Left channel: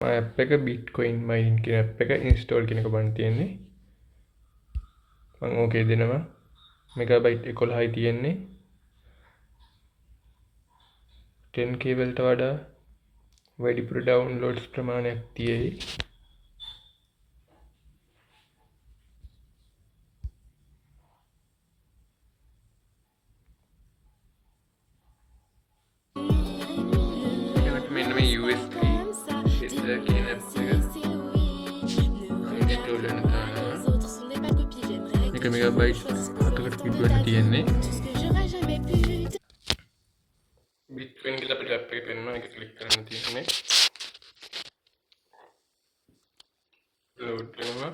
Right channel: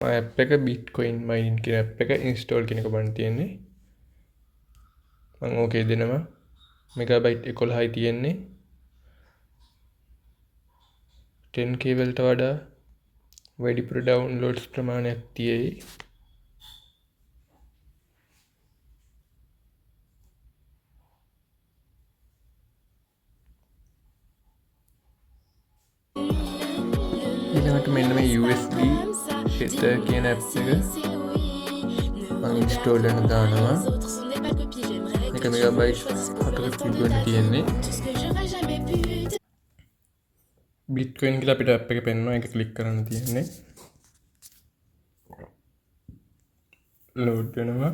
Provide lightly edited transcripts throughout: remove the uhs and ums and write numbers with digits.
App එක Bitcoin මයින් කියන app එක ඉන්ස්ටෝල් කෙනෙක බන් තියෙන්නේ. මං ඕකේ දෙනවා. මෙගාබයිට් 11යි තියෙන්නේ. 10k වලට වඩා වැඩිපුර ඩවුන්ලෝඩ්ස් ප්‍රමාණයක් තියෙයි. ඊළඟට මෙන්න මේ USB header කියන ඇප් එක මම ඉන්ස්ටෝල් කරන දානවා. මේක මෙගාබයිට් 7කට පිටවෙන්න තියෙන්නේ. බිට්කොයින් කියලා අපිට ඇප් එක පෙන්වනවා. ඒක ක්ලික් කරන්න තියෙන්නේ. ලෝඩ් වෙනවා.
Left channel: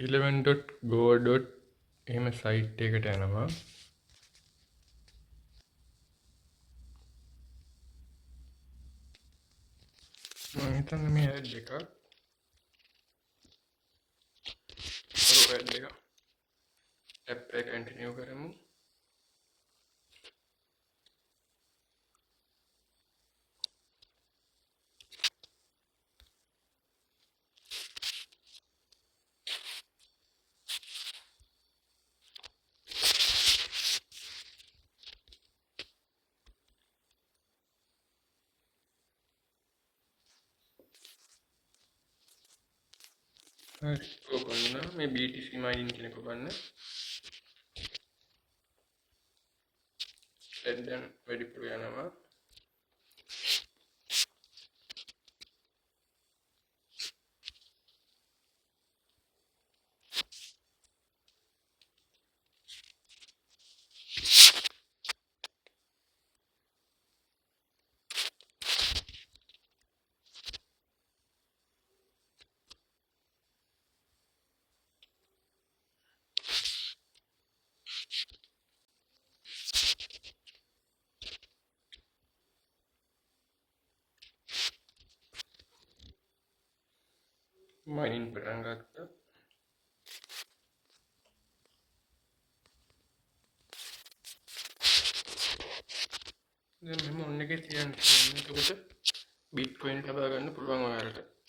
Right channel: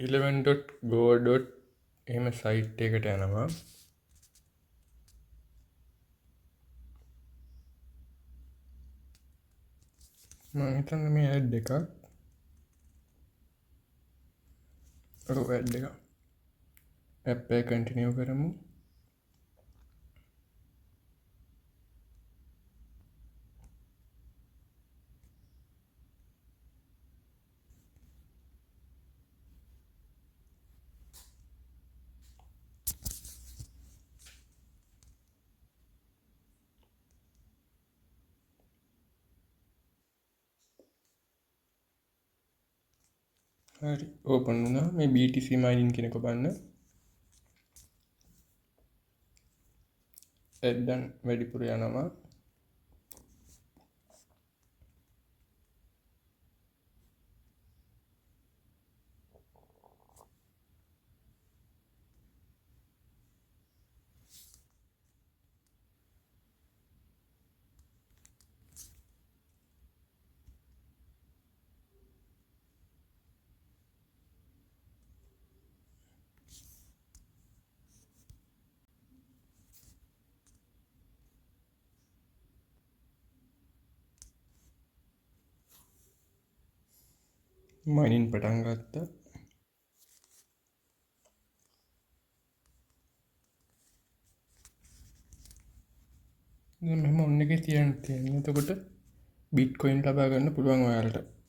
11.go. එහෙම සයිට් එකට යනවා. මම හිතන්නේ මේ ඇඩ් එකක්. ඇඩ් එක. ඇප් එක කන්ටිනියු කරමු. හරි ඕපන් වුණා. මේ BTC මායින් කියනක බලන්න. දැන් වැඩිපුර යනවා. මයින් පටන් ගත්තා. දැන් මෙහෙම ඔන්න එකේ තියන්න තියෙනවා. එතකොට බිට්කොයින් ලබා ගන්න පුළුවන් ඔයාලට.